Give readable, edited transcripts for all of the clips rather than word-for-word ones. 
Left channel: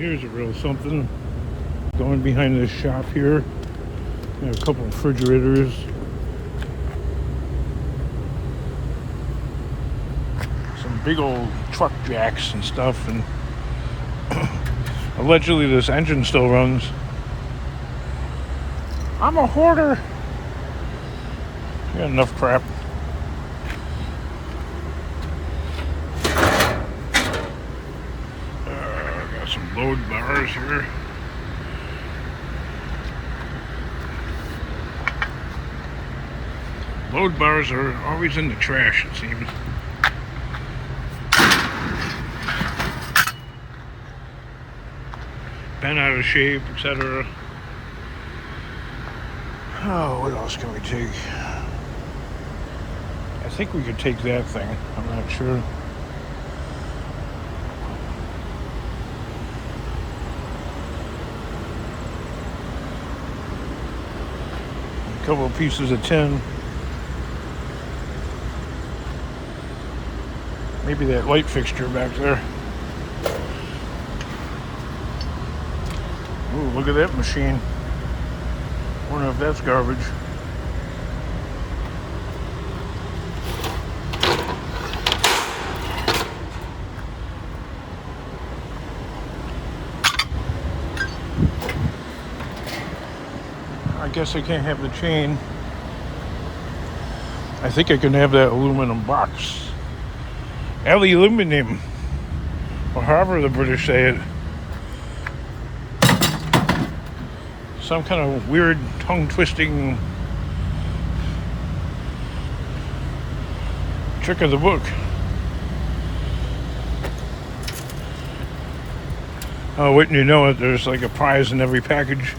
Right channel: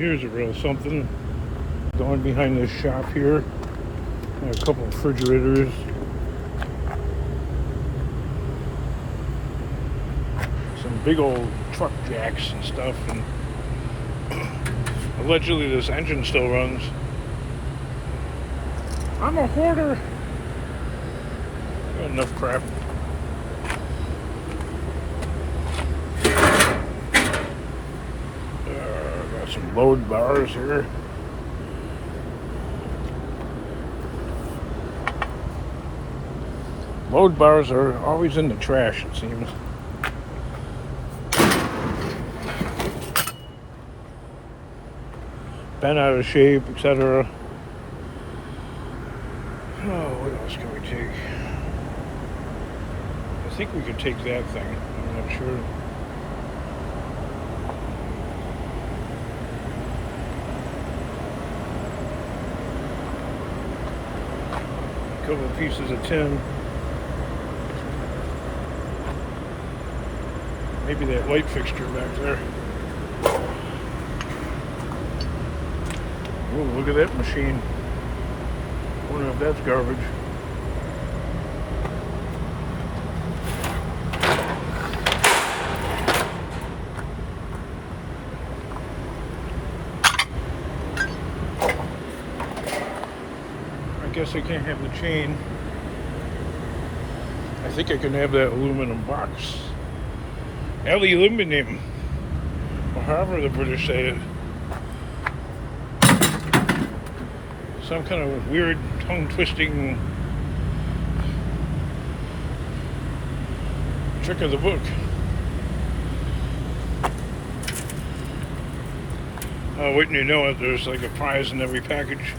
Here's a real something. Going behind this shop here. Got a couple of refrigerators. Some big old truck jacks and stuff. And allegedly this engine still runs. I'm a hoarder. Got enough crap. Got some load bars here. Load bars are always in the trash, it seems. Bent out of shape, etc. Oh, what else can we take? I think we could take that thing. I'm not sure. A couple of pieces of tin. Maybe that light fixture back there. Ooh, look at that machine. Wonder if that's garbage. I guess I can't have the chain. I think I can have that aluminum box. Aluminum, or however the British say it. Some kind of weird tongue-twisting trick of the book. Oh, wouldn't you know it, there's like a prize in every package.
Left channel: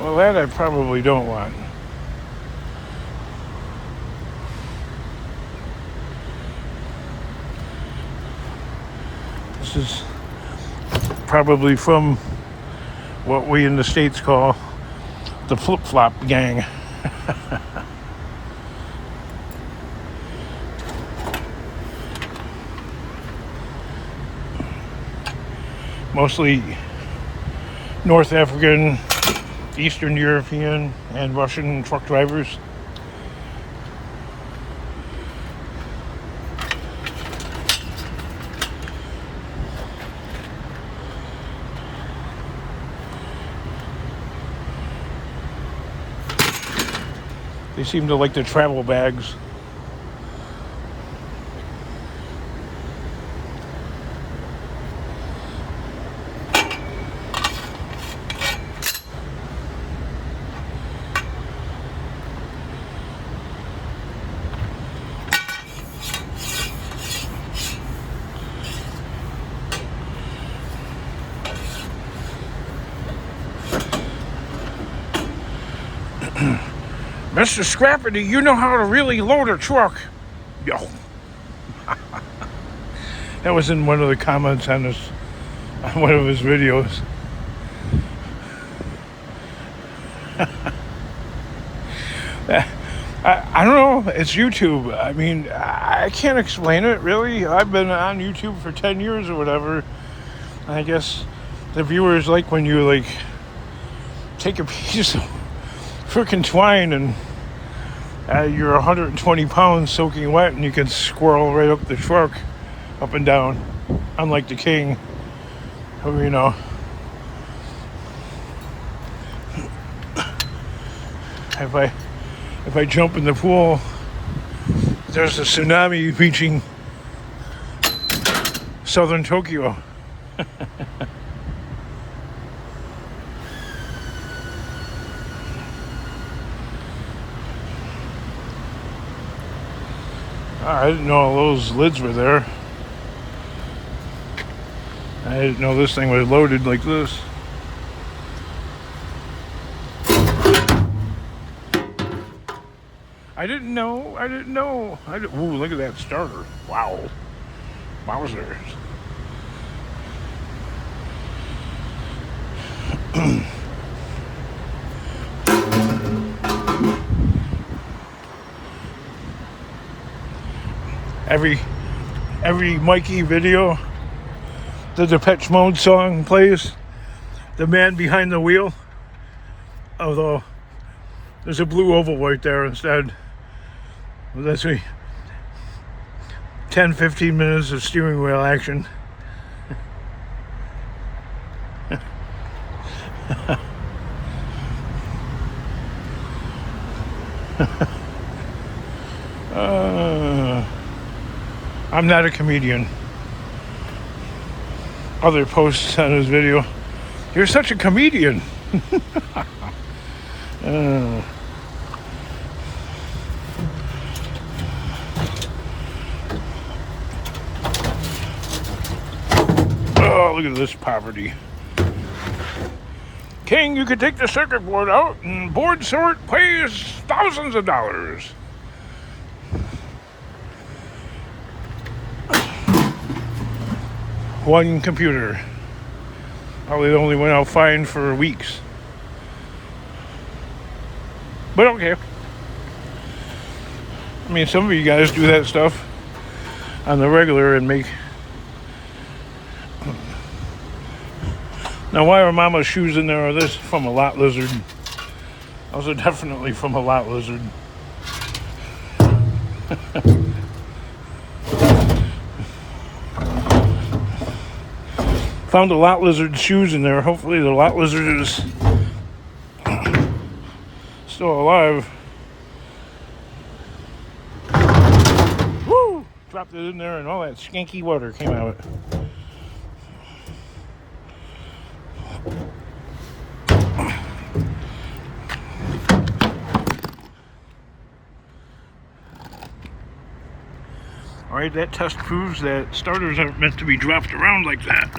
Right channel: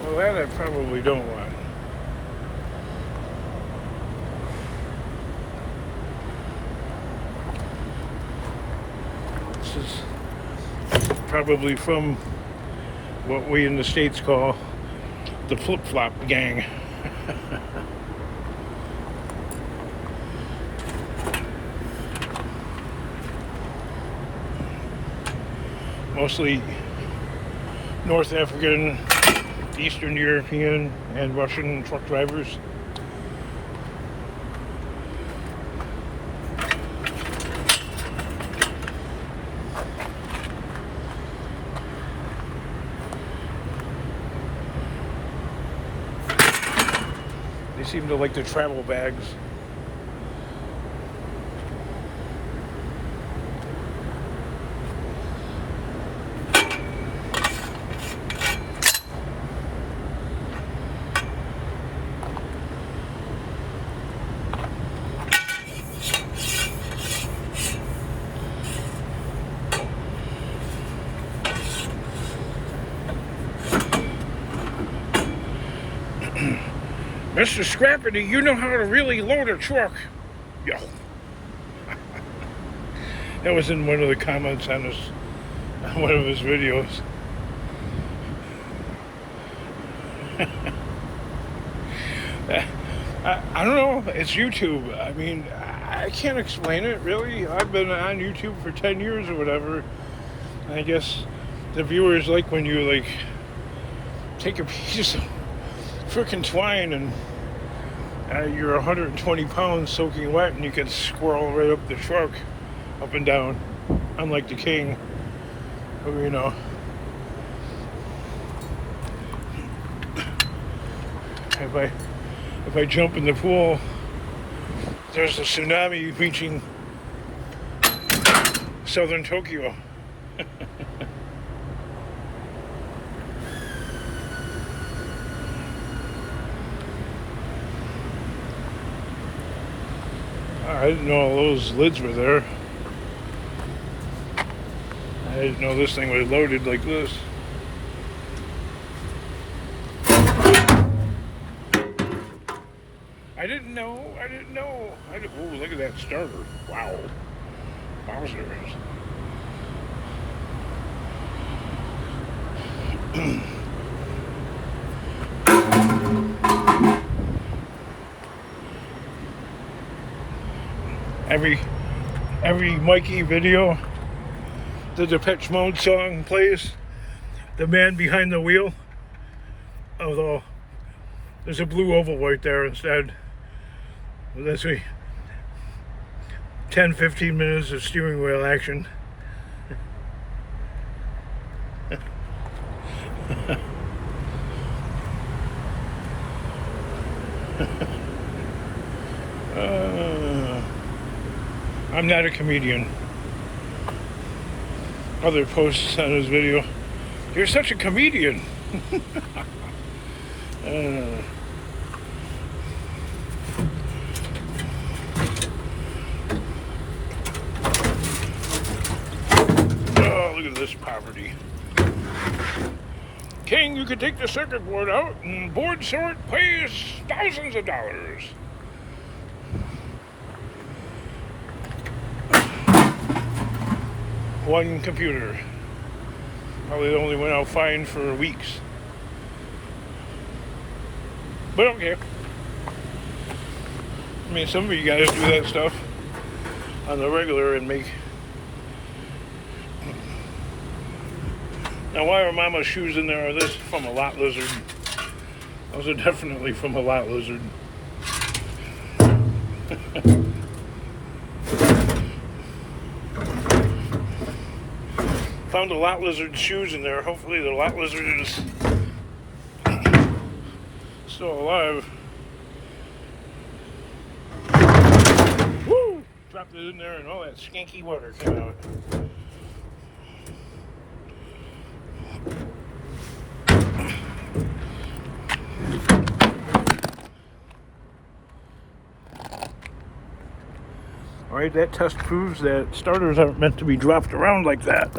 Well, that I probably don't want. This is probably from what we in the States call the flip-flop gang. Mostly North African, Eastern European, and Russian truck drivers. They seem to like the travel bags. Mr. Scrappity, you know how to really load a truck. Yo. That was in one of the comments on one of his videos. I don't know. It's YouTube. I mean, I can't explain it, really. I've been on YouTube for 10 years or whatever. I guess the viewers like when you, like, take a piece of freaking twine and you're 120 pounds soaking wet and you can squirrel right up the truck, up and down, unlike the king, who, you know, if I jump in the pool, there's a tsunami reaching southern Tokyo. I didn't know all those lids were there. I didn't know this thing was loaded like this. I didn't know. Ooh, look at that starter. Wow. Wowzers. Every Mikey video, the Depeche Mode song plays. The man behind the wheel. Although there's a blue oval right there instead. Well, that's me. 10-15 minutes of steering wheel action. I'm not a comedian. Other posts on his video. You're such a comedian. Oh, look at this poverty. King, you could take the circuit board out and board sort pays thousands of dollars. One computer. Probably only went out fine for weeks. But okay. I mean, some of you guys do that stuff on the regular and make... Now, why are Mama's shoes in there? Are this from a lot lizard? Those are definitely from a lot lizard. Found a lot lizard shoes in there. Hopefully the lot lizard is still alive. Woo! Dropped it in there and all that skanky water came out. Alright, that test proves that starters aren't meant to be dropped around like that.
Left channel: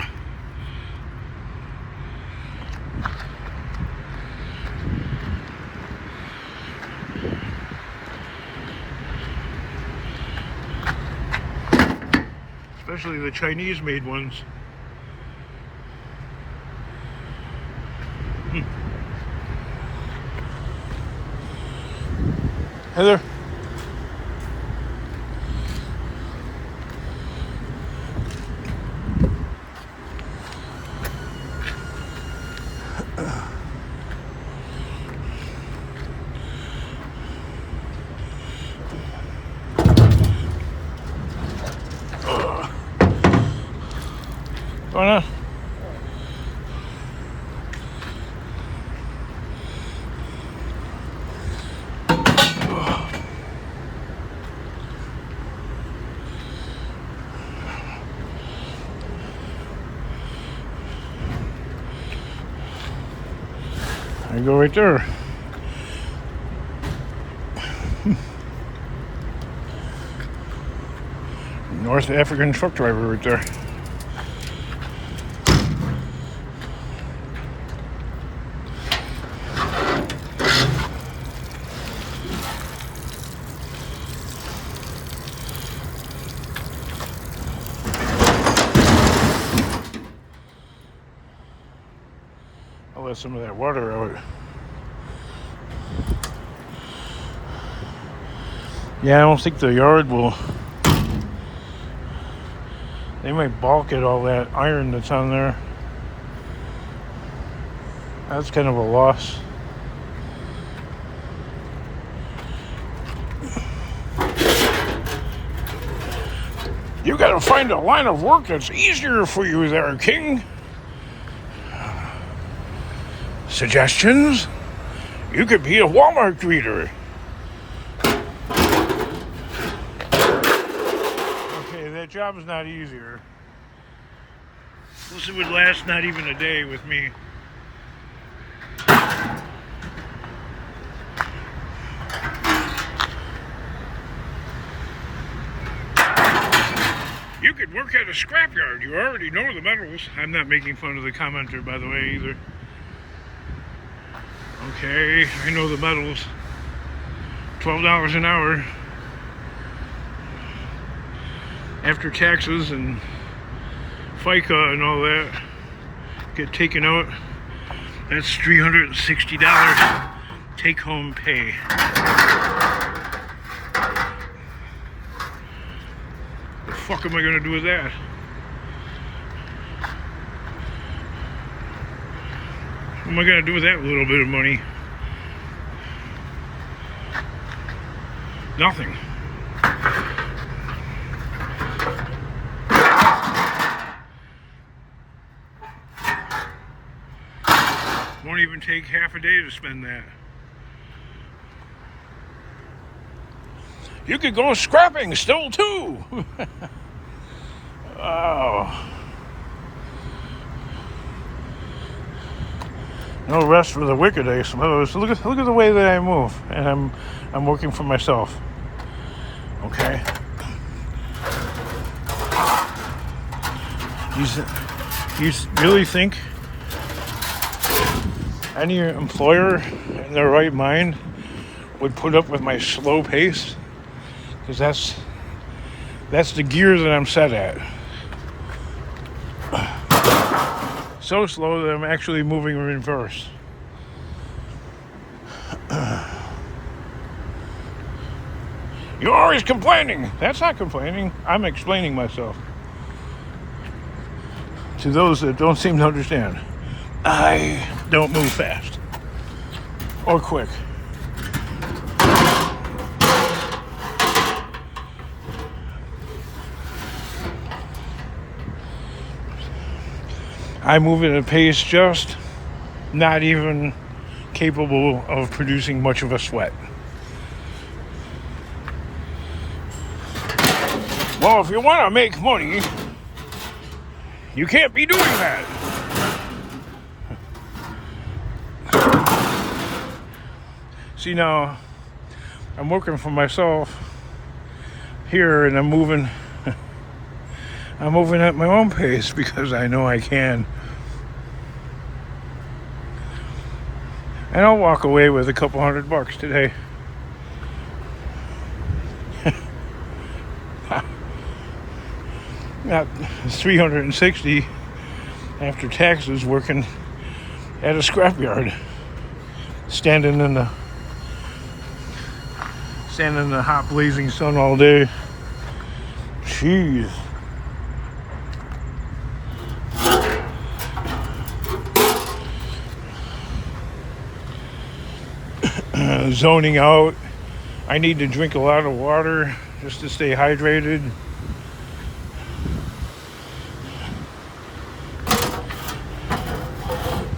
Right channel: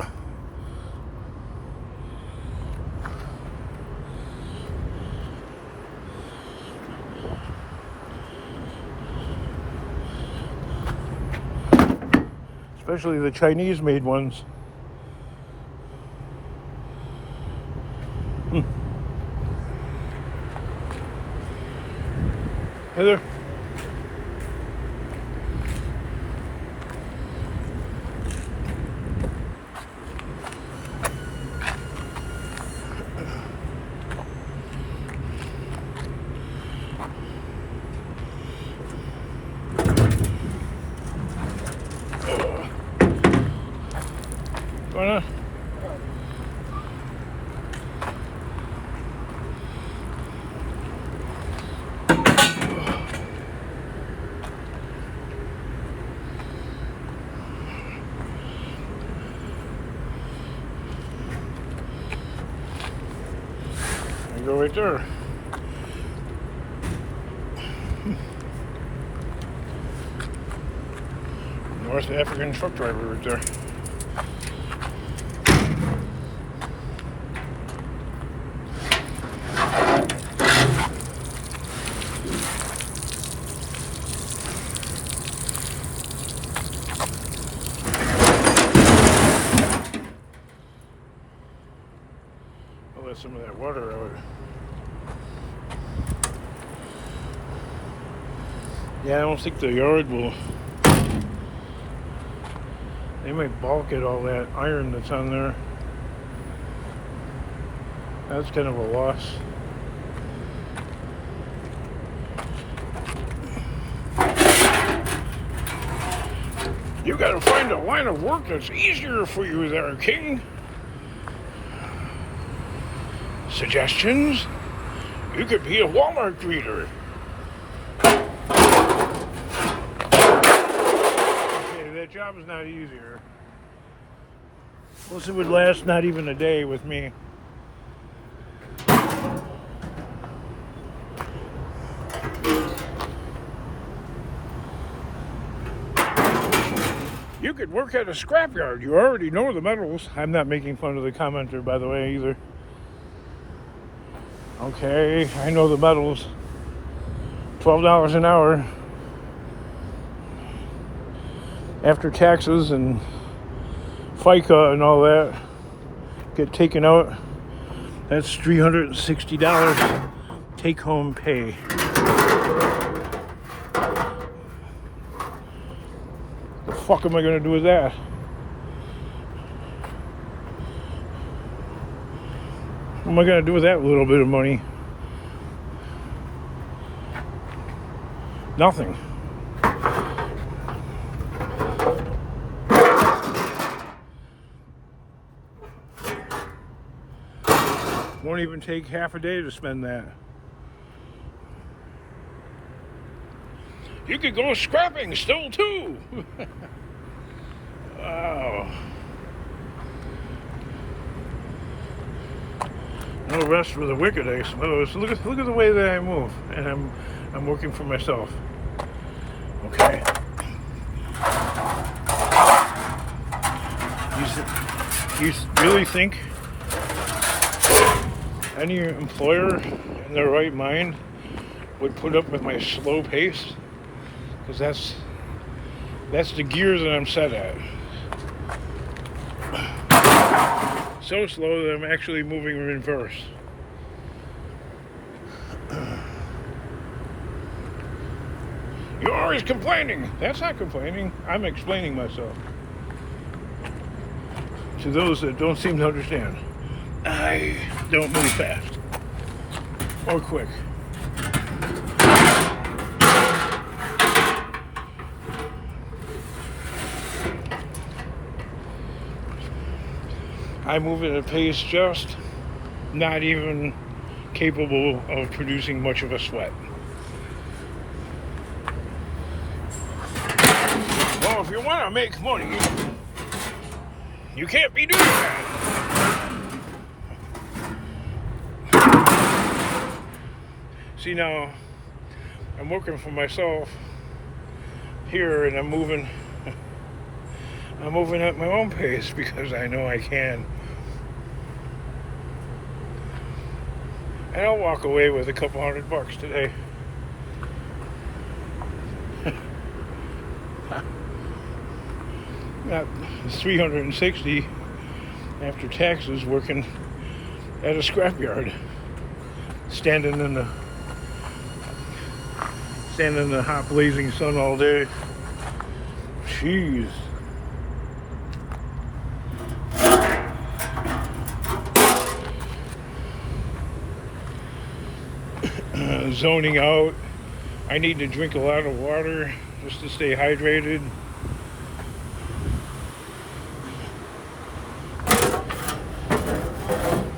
Especially the Chinese-made ones. Hey there. Going on? There you go right there. North African truck driver right there. I'll let some of that water out. Yeah, I don't think the yard will. They might balk at all that iron that's on there. That's kind of a loss. You gotta find a line of work that's easier for you there, King. Suggestions? You could be a Walmart greeter. Okay, that job is not easier. Plus it would last not even a day with me. You could work at a scrapyard. You already know the metals. I'm not making fun of the commenter, by the way, either. Okay, I know the metals. $12 an hour. After taxes and FICA and all that get taken out, that's $360 take-home pay. fuck am I gonna do with that? What am I gonna do with that little bit of money? Nothing. Won't even take half a day to spend that. You could go scrapping still too. Oh. No rest for the wicked, I suppose. Look at the way that I move, and I'm working for myself. Okay. You really think any employer in their right mind would put up with my slow pace? Because that's the gear that I'm set at. So slow that I'm actually moving in reverse. You're always complaining. That's not complaining. I'm explaining myself. To those that don't seem to understand, I don't move fast or quick. I move at a pace just not even capable of producing much of a sweat. Well, if you want to make money, you can't be doing that. See, now I'm working for myself here, and I'm moving at my own pace because I know I can. And I'll walk away with a couple $100 today. Not 360 after taxes, working at a scrapyard, standing in the hot blazing sun all day. Jeez. Zoning out. I need to drink a lot of water just to stay hydrated.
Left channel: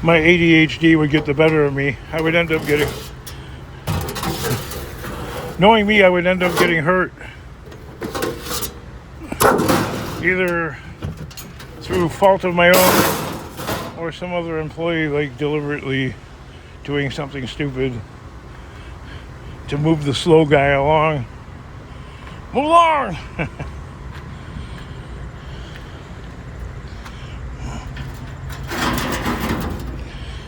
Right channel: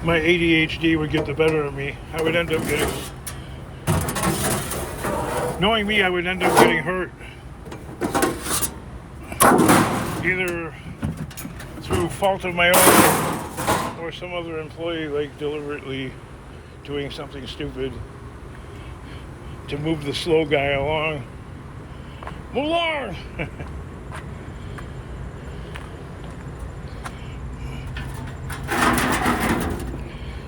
My ADHD would get the better of me. I would end up getting... Knowing me, I would end up getting hurt. Either through fault of my own or some other employee like deliberately doing something stupid to move the slow guy along. Move along!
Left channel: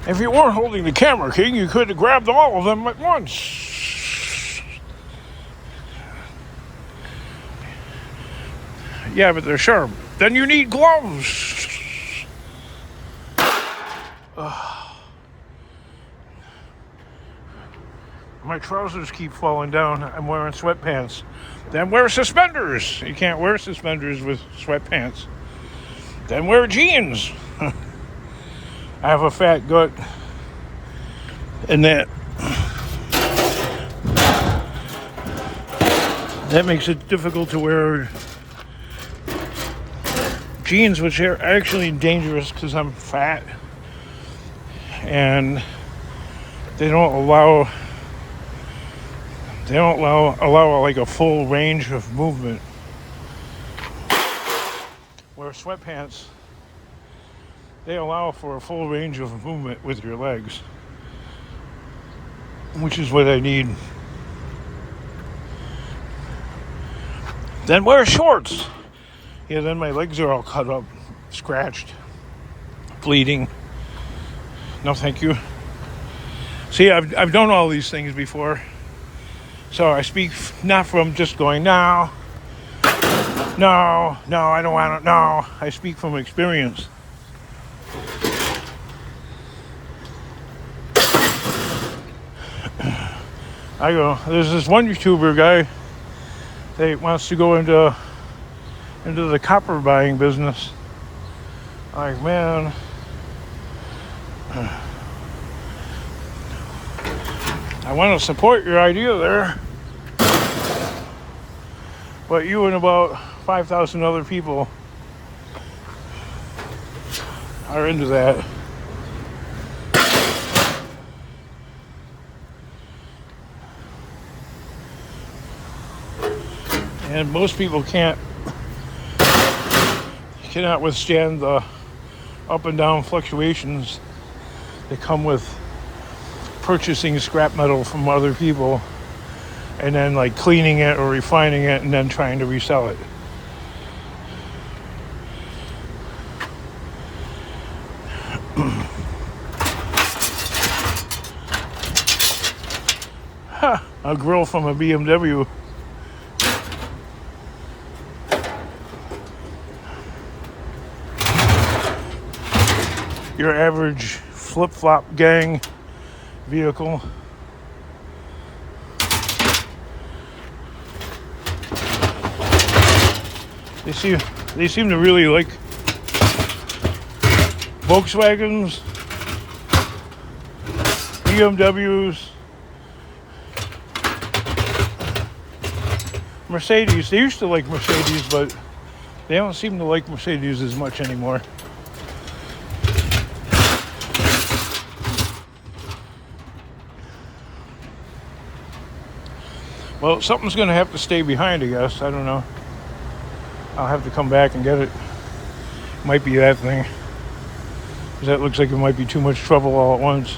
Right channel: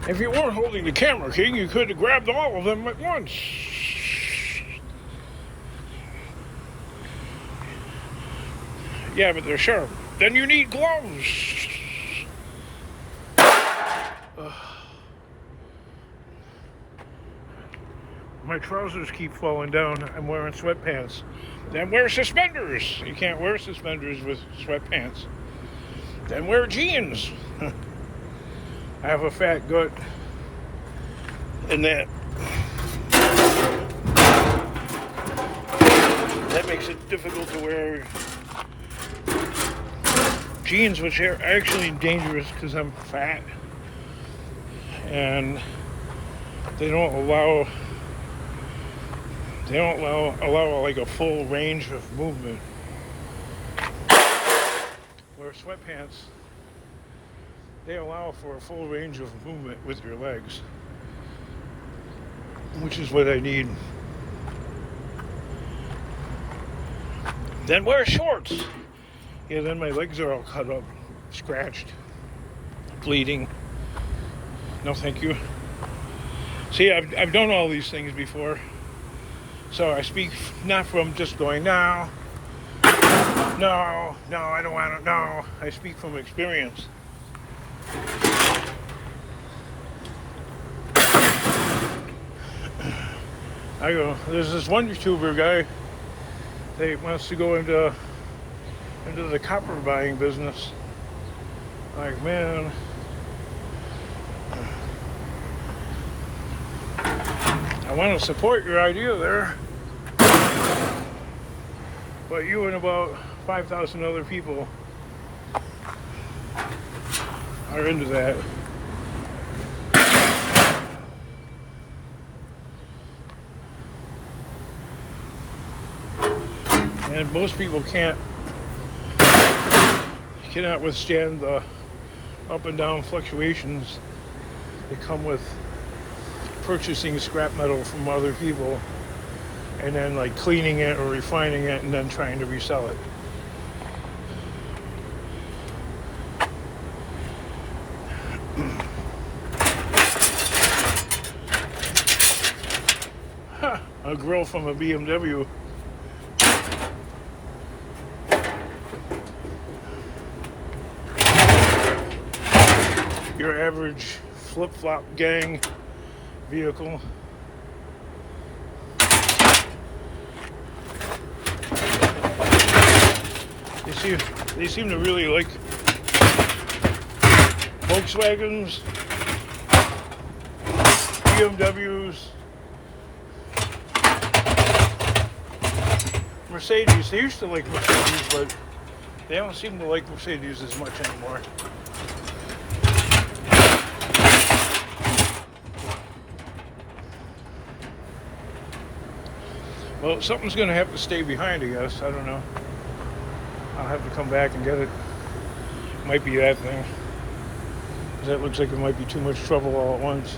If you weren't holding the camera, King, you could have grabbed all of them at once. Yeah, but they're sharp. Then you need gloves. My trousers keep falling down. I'm wearing sweatpants. Then wear suspenders. You can't wear suspenders with sweatpants. Then wear jeans. I have a fat gut, and that makes it difficult to wear jeans, which are actually dangerous because I'm fat, and they don't allow like a full range of movement. Where sweatpants, they allow for a full range of movement with your legs, which is what I need. Then wear shorts. Yeah, then my legs are all cut up, scratched, bleeding. No, thank you. See, I've done all these things before. So I speak not from just going, no, I don't want to, no. I speak from experience. There's this one YouTuber guy that wants to go into into the copper buying business. Like, man, I want to support your idea there, but you and about 5,000 other people are into that. And most people cannot withstand the up and down fluctuations that come with purchasing scrap metal from other people and then like cleaning it or refining it and then trying to resell it. A grill from a BMW. Your average flip-flop gang vehicle. They seem to really like Volkswagens, BMWs, Mercedes. They used to like Mercedes, but they don't seem to like Mercedes as much anymore. Well, something's going to have to stay behind, I guess. I don't know. I'll have to come back and get it. Might be that thing. 'Cause that looks like it might be too much trouble all at once.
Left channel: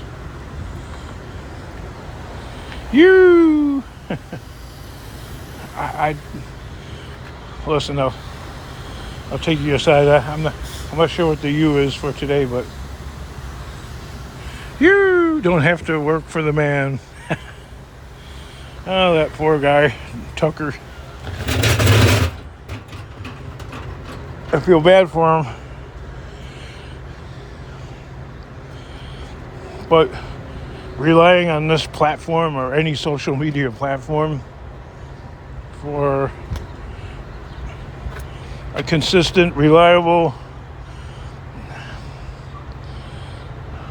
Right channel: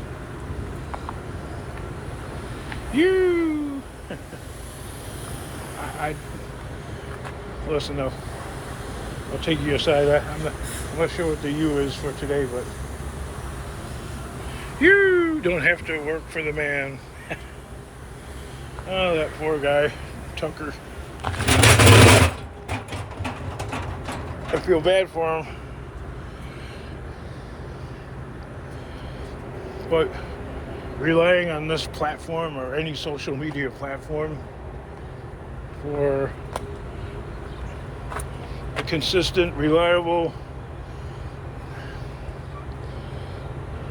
You! I listen, I'll take you aside. I'm not sure what the U is for today, but you don't have to work for the man. Oh, that poor guy, Tucker. I feel bad for him. But relying on this platform or any social media platform for a consistent, reliable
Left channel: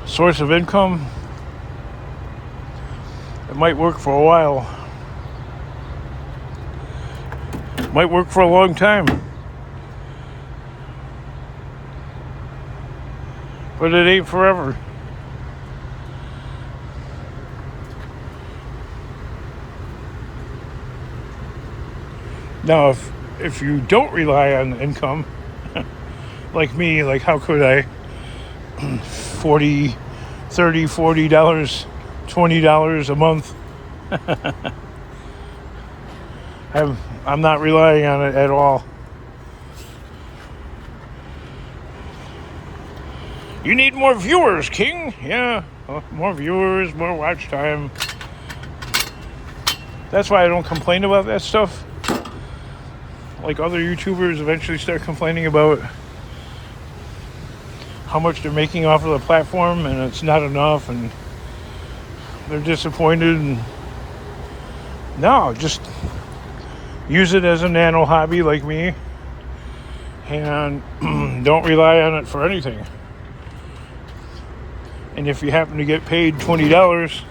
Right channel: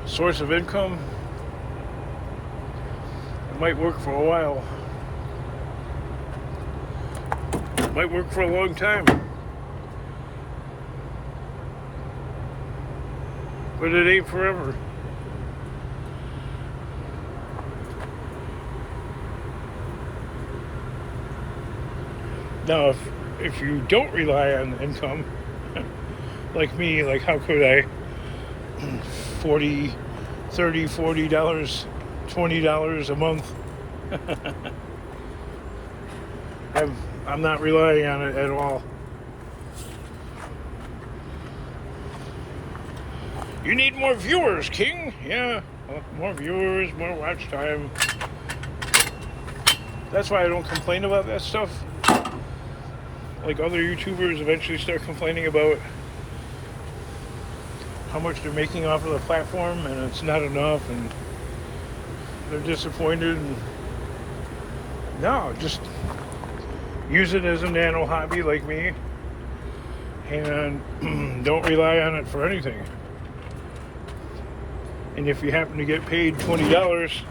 source of income, it might work for a while. It might work for a long time. But it ain't forever. Now, if you don't rely on income, like me, like how could I? $30, $40, $20 a month. I'm not relying on it at all. You need more viewers, King. Yeah, well, more viewers, more watch time. That's why I don't complain about that stuff. Like other YouTubers eventually start complaining about how much they're making off of the platform and it's not enough and they're disappointed. And no, just use it as a nano hobby like me and don't rely on it for anything. And if you happen to get paid $20,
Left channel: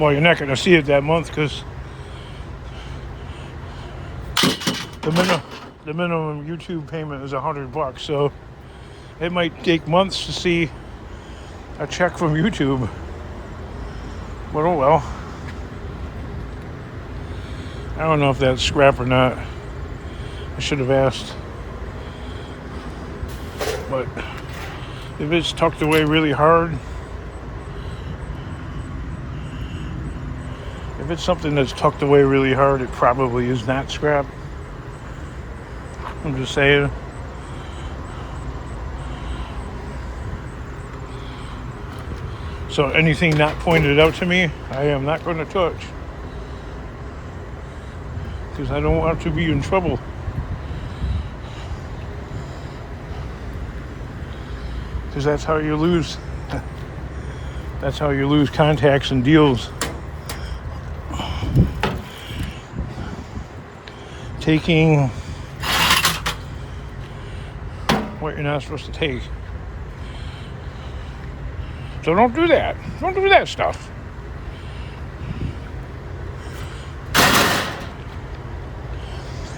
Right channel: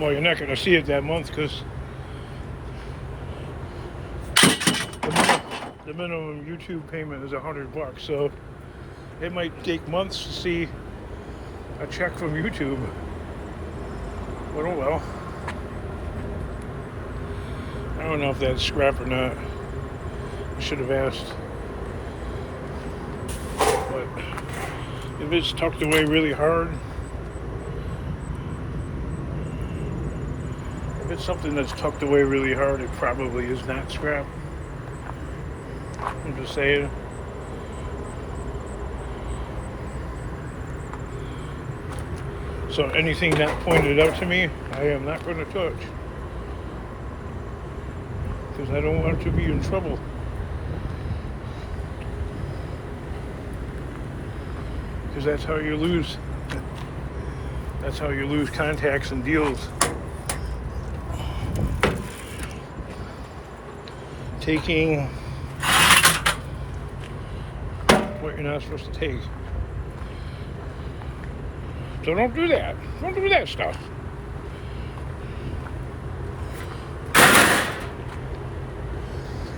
well, you're not going to see it that month because the minimum YouTube payment is $100. So it might take months to see a check from YouTube. But oh well. I don't know if that's scrap or not. I should have asked. But if it's tucked away really hard, if it's something that's tucked away really hard, it probably is not scrap. I'm just saying. So anything not pointed out to me, I am not going to touch. Because I don't want to be in trouble. Because that's how you lose. That's how you lose contacts and deals. taking what you're not supposed to take. So don't do that. Don't do that stuff.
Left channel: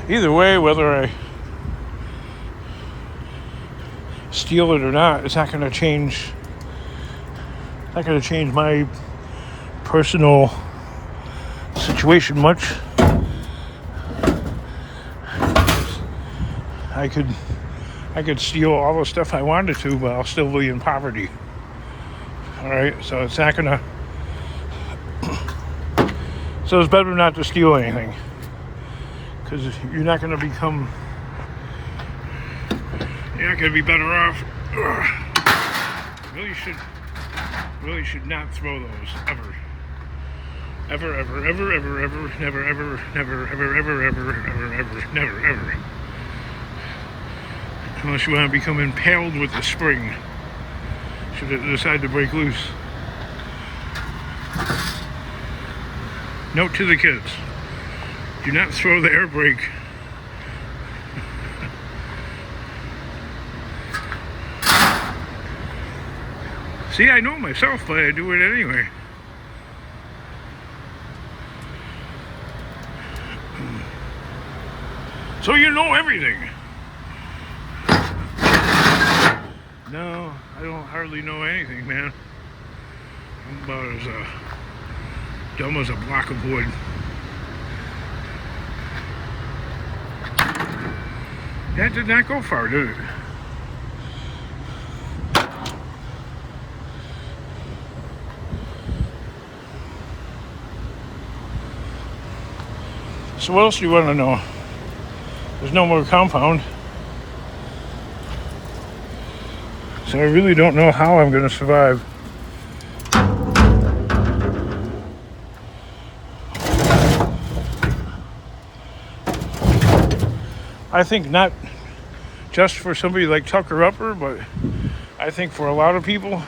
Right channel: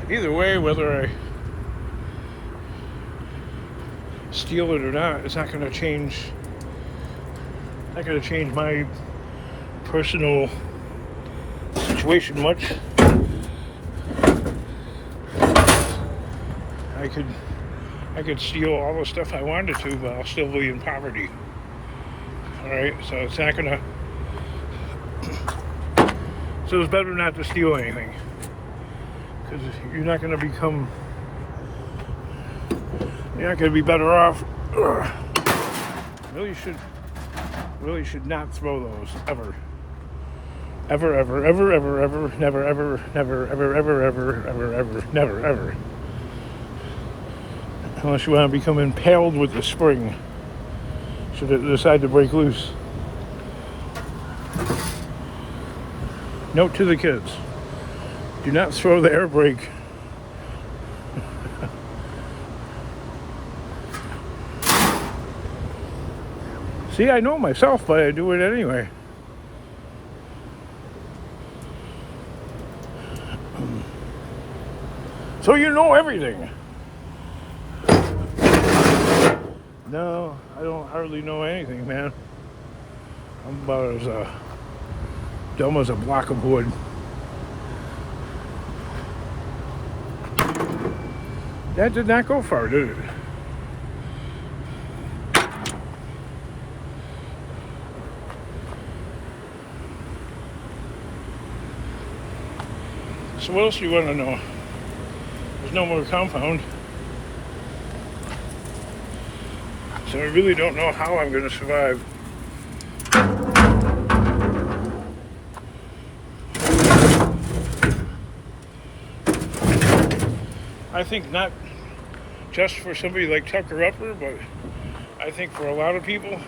Either way, whether I steal it or not, it's not going to change. Not going to change my personal situation much. I could steal all the stuff I wanted to, but I'll still be in poverty. All right, so it's not gonna. So it's better not to steal anything, because you're not gonna become. You're not gonna be better off. Really should not throw those ever. Ever, ever, ever, ever, ever, never, ever, never, ever, ever, ever, ever, ever, never, ever. Unless you want to become impaled with the spring, should it decide to break loose. Note to the kids: do not throw the air brake. See, I know myself, but I do it anyway. So you know everything. No, I don't hardly know anything, man. I'm about as dumb as a block of wood. That did not go far, did it? So what else do you want to know? There's no more compound. So I really don't know how I'm going to survive. I think not just for somebody like Tucker Upper, but I think for a lot of people,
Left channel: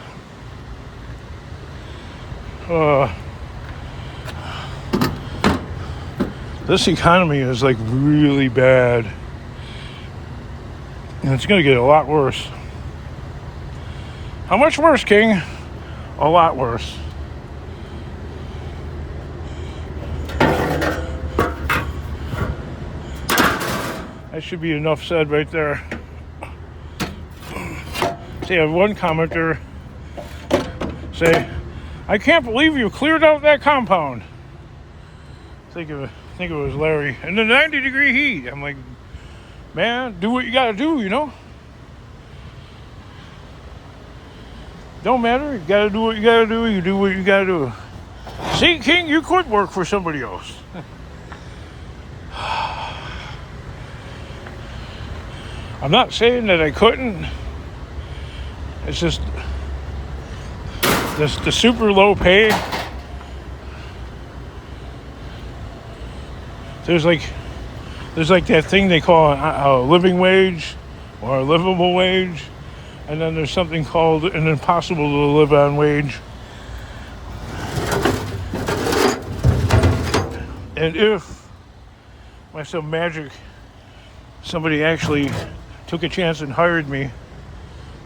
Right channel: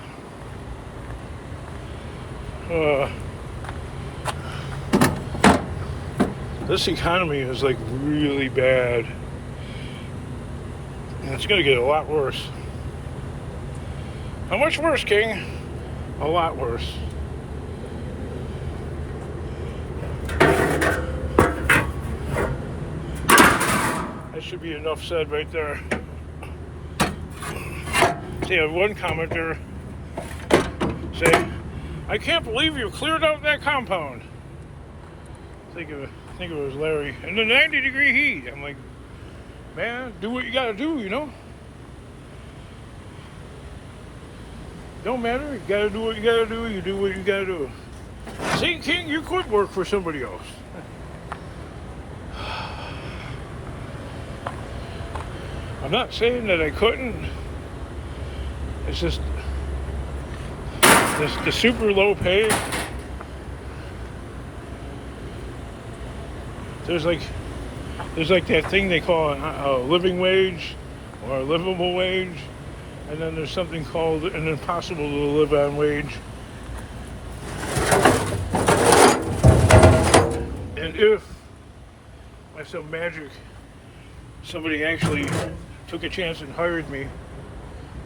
this economy is like really bad, and it's going to get a lot worse. How much worse, King? A lot worse. That should be enough said right there. See, I had one commenter say, "I can't believe you cleared out that compound." I think it was Larry. In the 90-degree heat. I'm like, man, do what you gotta do, you know? Don't matter. You gotta do what you gotta do. You do what you gotta do. See, King, you could work for somebody else. I'm not saying that I couldn't. It's just the super low pay. There's like that thing they call a living wage or a livable wage. And then there's something called an impossible to live on wage. And if, by some magic, somebody actually took a chance and hired me,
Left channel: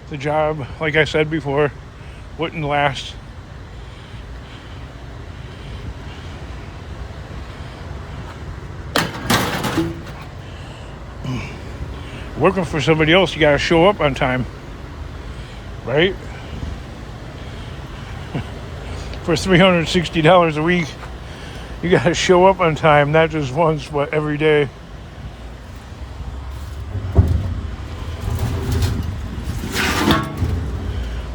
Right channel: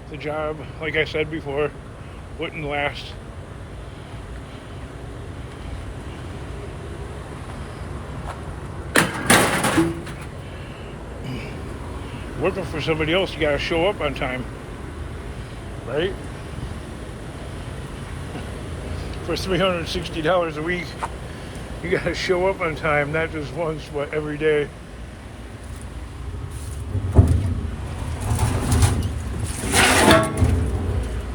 the job, like I said before, wouldn't last. Working for somebody else, you gotta show up on time. Right? For $360 a week, you gotta show up on time, not just once, but every day.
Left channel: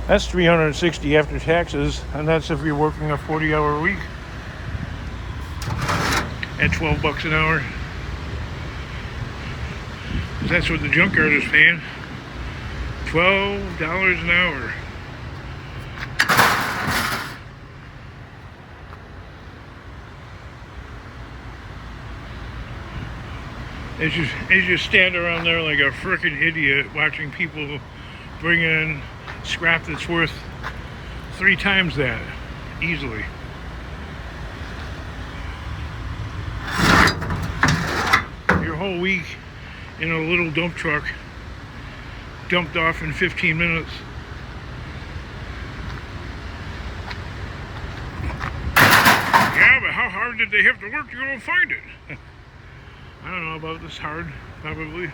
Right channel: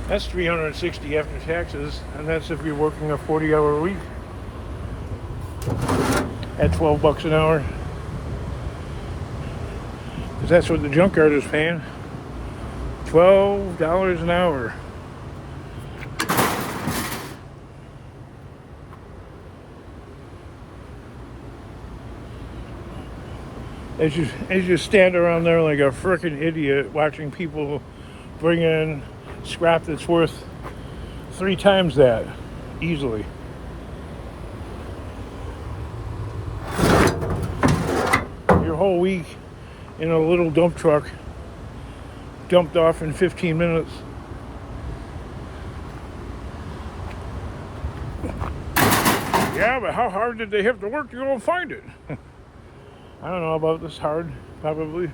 That's $360 after taxes, and that's if you're working a 40-hour week at $12 an hour. That's what the junkyard is paying. $12 an hour. As you stand around there like a frickin' idiot watching people bring in scrap that's worth 3 times that easily. You're a whole week in a little dump truck, dumped off in 15 minutes. Yeah, but how hard did they have to work to go and find it? I don't know about this hard, probably.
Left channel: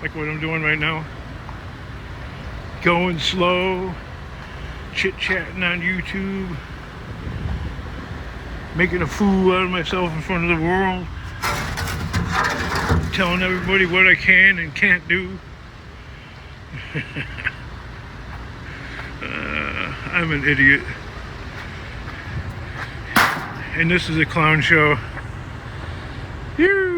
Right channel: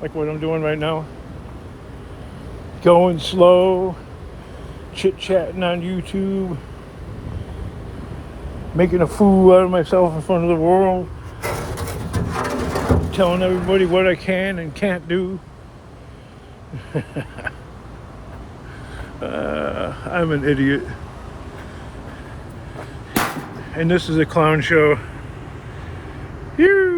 Like what I'm doing right now. Going slow, chit-chatting on YouTube, making a fool out of myself in front of the world, telling everybody what I can and can't do. I'm an idiot. And this is a clown show. Yoo!